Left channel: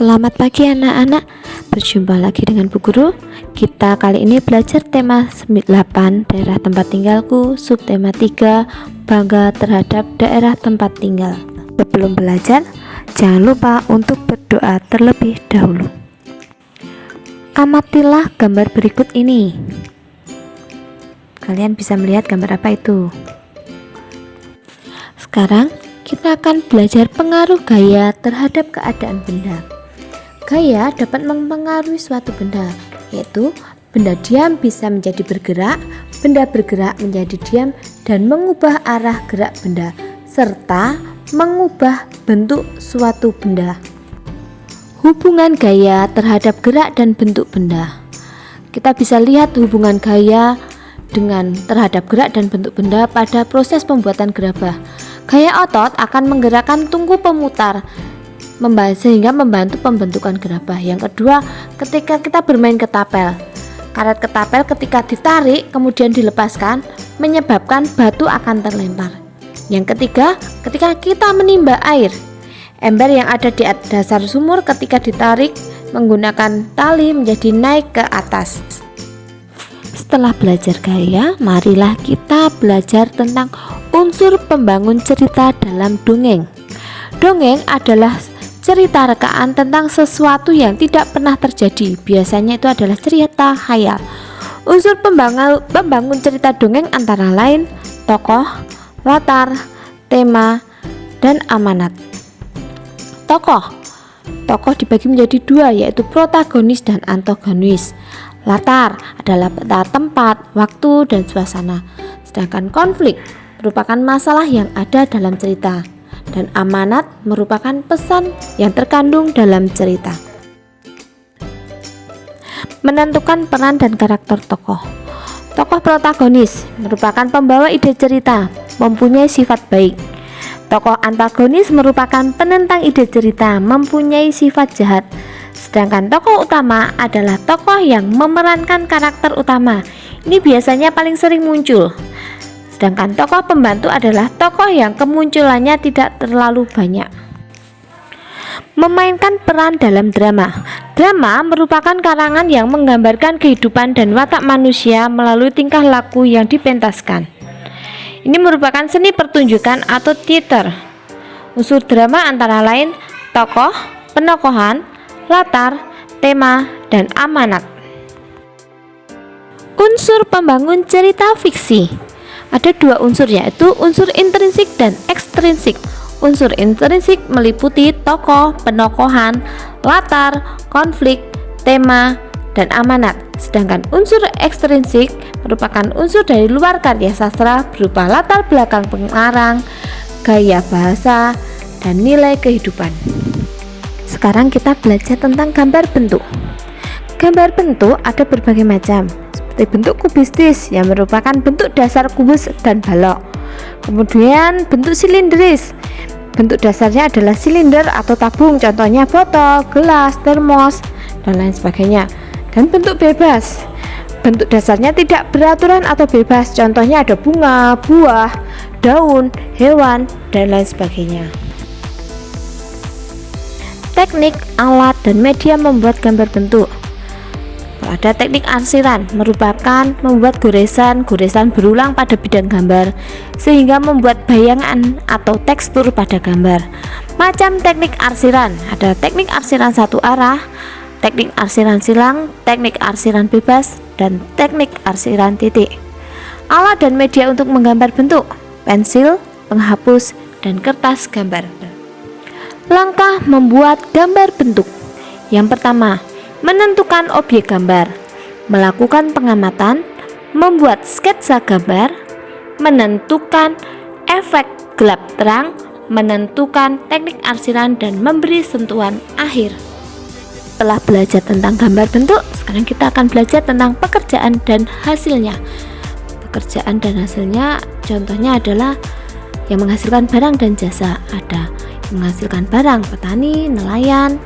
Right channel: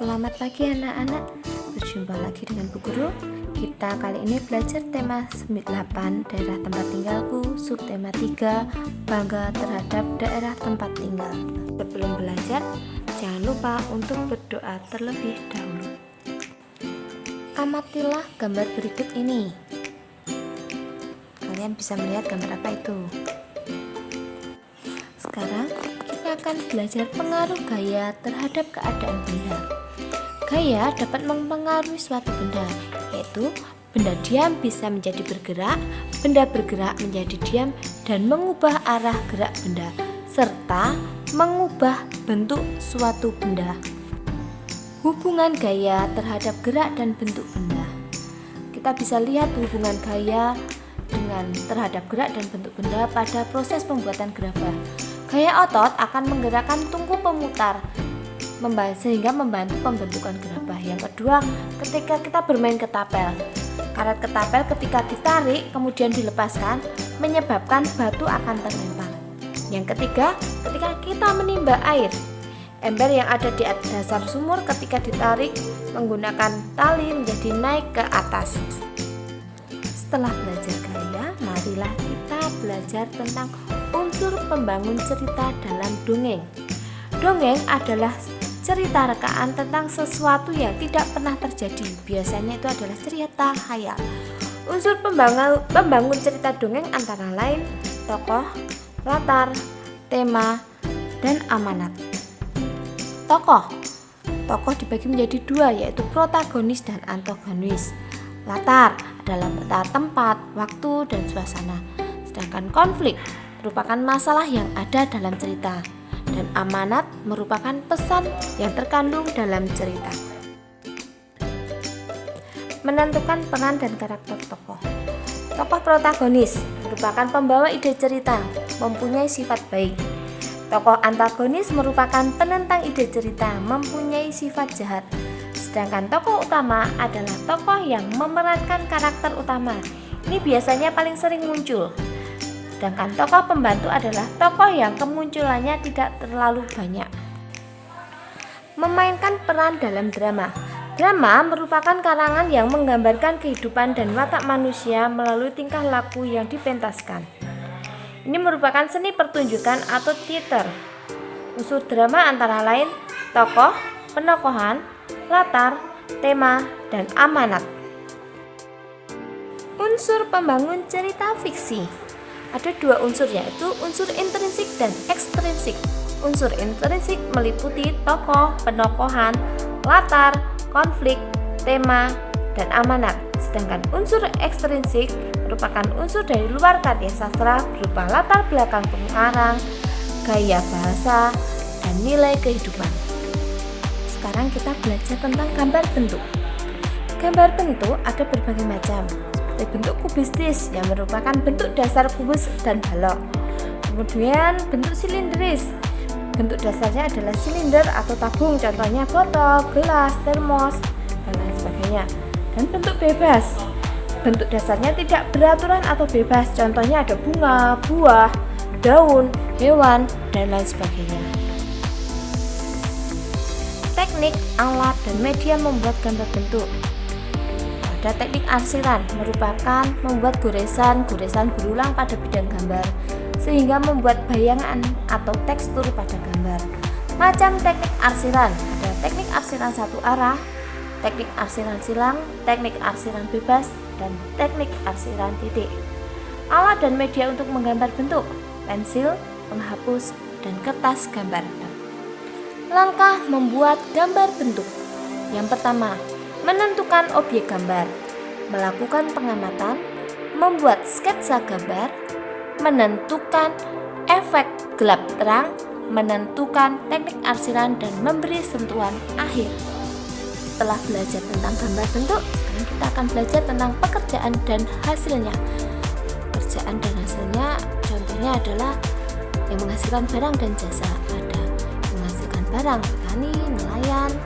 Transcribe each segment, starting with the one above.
Selamat pagi anak-anak, berjumpa lagi dengan Bu Guru. Kita kali ini belajar tema 8 daerah tempat tinggalku, subtema 3 bangga terhadap daerah tempat tinggal. Sebelum belajar, jangan lupa untuk berdoa terlebih dahulu. Amatilah gambar berikut ini. Kalian bisa melihat gambar apa itu? Sekarang kita akan belajar pengaruh gaya terhadap keadaan benda. Gaya dapat mempengaruhi suatu benda, yaitu benda diam bisa menjadi bergerak, benda bergerak menjadi diam, dan mengubah arah gerak benda, serta mengubah bentuk suatu benda. Hubungan gaya terhadap gerak dan bentuk benda. Kita bisa lihat hubungan gaya dengan terhadap gerak dan bentuk benda pada proses pembuatan gerabah. Gaya otot akan menggerakkan tungku pemutar sehingga membantu pembentukan gerabah. Yang kedua, ketika kita bermain ketapel, karet ketapel ketika ditarik kemudian dilepaskan menyebabkan batu akan terlempar. Yang ketiga, ketika kita menimba air, ember yang ada di dasar sumur ketika ditarik menggunakan tali menjadi naik ke atas. Setelah belajar gaya, marilah kita belajar tentang unsur pembangun cerita dalam dongeng. Dongeng adalah cerita rekaan tentang sesuatu yang tidak pernah terjadi. Biasanya itu adalah cerita khayal. Unsur pembangun cerita dongeng antara lain tokoh, latar, tema, dan amanat. Tokoh dibagi menjadi dua, yaitu protagonis dan antagonis. Latar adalah tempat, waktu, dan suasana. Sedangkan konflik merupakan masalah yang ada dalam cerita, dan amanat merupakan pesan yang terkandung dalam cerita. Menentukan peran dan karakter tokoh. Tokoh protagonis merupakan pembawa ide cerita, mempunyai sifat baik. Tokoh antagonis merupakan penentang ide cerita, mempunyai sifat jahat. Sedangkan tokoh utama adalah tokoh yang memerankan karakter utama. Ini biasanya paling sering muncul. Sedangkan tokoh pembantu adalah tokoh yang kemunculannya tidak terlalu banyak. Memainkan peran dalam drama. Drama merupakan karangan yang menggambarkan kehidupan dan watak manusia melalui tingkah laku yang dipentaskan. Ini merupakan seni pertunjukan atau teater. Unsur drama antara lain tokoh, penokohan, latar, tema, dan amanat. Unsur pembangun cerita fiksi. Ada dua unsur, yaitu unsur intrinsik dan ekstrinsik. Unsur intrinsik meliputi tokoh, penokohan, latar, konflik, tema, dan amanat. Sedangkan unsur ekstrinsik merupakan unsur dari luar karya sastra berupa latar belakang pengarang, gaya bahasa, dan nilai kehidupan. Sekarang kita belajar tentang gambar bentuk. Gambar bentuk ada berbagai macam, seperti bentuk kubistis yang merupakan bentuk dasar kubus dan balok. Kemudian bentuk silindris, bentuk dasarnya adalah silinder atau tabung, contohnya botol, gelas, termos, dan lain sebagainya. Dan bentuk bebas, bentuk dasarnya tidak beraturan atau bebas, contohnya ada bunga, buah, daun, hewan, dan lain sebagainya. Teknik, alat, dan media membuat gambar bentuk. Ada teknik arsiran, merupakan membuat goresan berulang pada bidang gambar sehingga membuat bayangan atau tekstur pada gambar. Macam teknik arsiran, ada teknik arsiran satu arah, teknik arsiran silang, teknik arsiran bebas, dan teknik arsiran titik. Alat dan media untuk menggambar bentuk: pensil, penghapus, dan kertas gambar. Langkah membuat gambar bentuk. Yang pertama, menentukan objek gambar, melakukan pengamatan, membuat sketsa gambar, menentukan efek gelap terang, menentukan teknik arsiran, dan memberi sentuhan akhir. Setelah belajar tentang gambar bentuk, sekarang kita akan belajar tentang pekerjaan dan hasilnya. Pekerjaan dan hasilnya contohnya adalah yang menghasilkan barang dan jasa. Ada menghasilkan barang, petani, nelayan,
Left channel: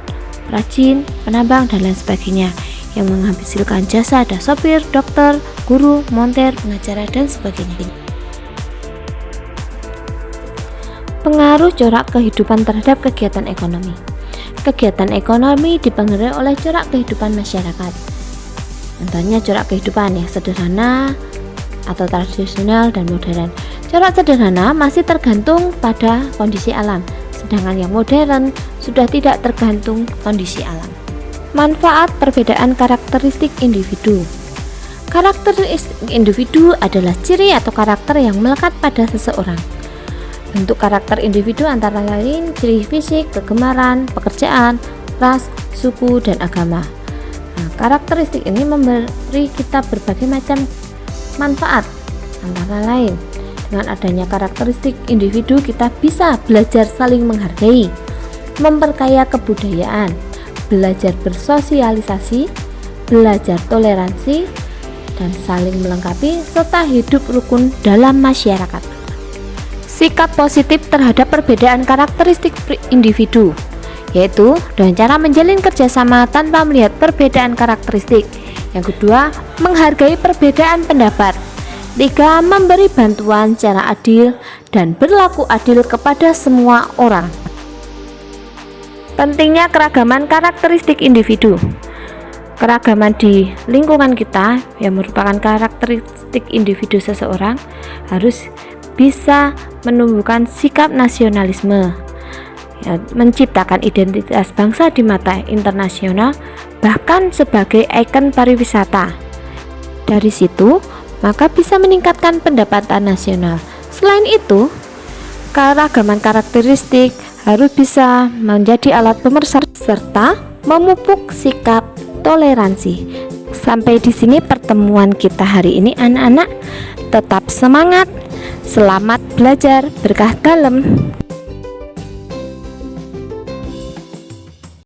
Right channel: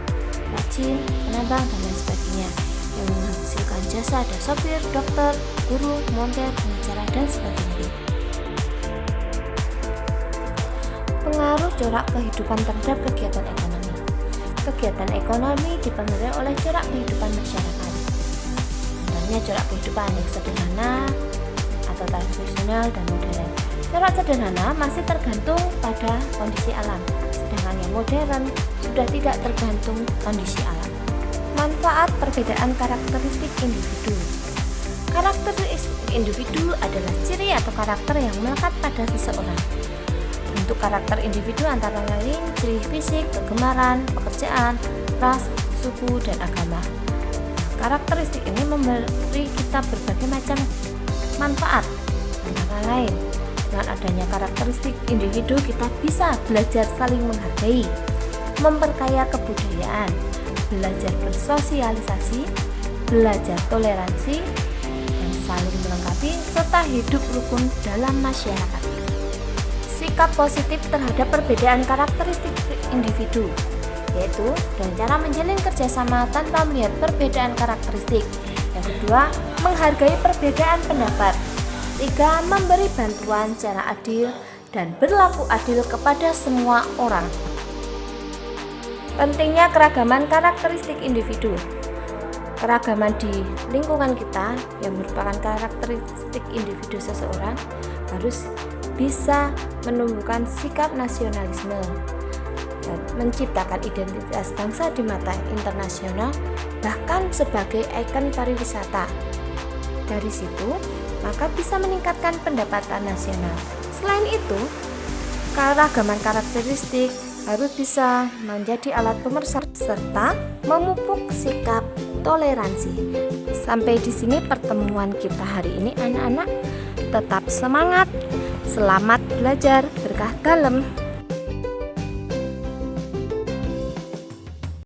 rajin, penambang, dan lain sebagainya. Yang menghasilkan jasa ada sopir, dokter, guru, montir, pengacara, dan sebagainya. Pengaruh corak kehidupan terhadap kegiatan ekonomi. Kegiatan ekonomi dipengaruhi oleh corak kehidupan masyarakat. Contohnya corak kehidupan yang sederhana atau tradisional dan modern. Corak sederhana masih tergantung pada kondisi alam, sedangkan yang modern sudah tidak tergantung kondisi alam. Manfaat perbedaan karakteristik individu. Karakteristik individu adalah ciri atau karakter yang melekat pada seseorang. Bentuk karakter individu antara lain ciri fisik, kegemaran, pekerjaan, ras, suku, dan agama. Karakteristik ini memberi kita berbagai macam manfaat, antara lain dengan adanya karakteristik individu kita bisa belajar saling menghargai, memperkaya kebudayaan, belajar bersosialisasi, belajar toleransi, dan saling melengkapi serta hidup rukun dalam masyarakat. Sikap positif terhadap perbedaan karakteristik individu, yaitu dengan cara menjalin kerjasama tanpa melihat perbedaan karakteristik. Yang kedua, menghargai perbedaan pendapat. 3. Memberi bantuan secara adil dan berlaku adil kepada semua orang. Pentingnya keragaman karakteristik individu. Keragaman di lingkungan kita yang merupakan karakteristik individu seseorang harus bisa menumbuhkan sikap nasionalisme, menciptakan identitas bangsa di mata internasional, bahkan sebagai ikon pariwisata. Dari situ, maka bisa meningkatkan pendapatan nasional. Selain itu, keragaman karakteristik harus bisa menjadi alat pemersatu serta memupuk sikap toleransi. Sampai di sini pertemuan kita hari ini anak-anak. Tetap semangat, selamat belajar, berkah dalam.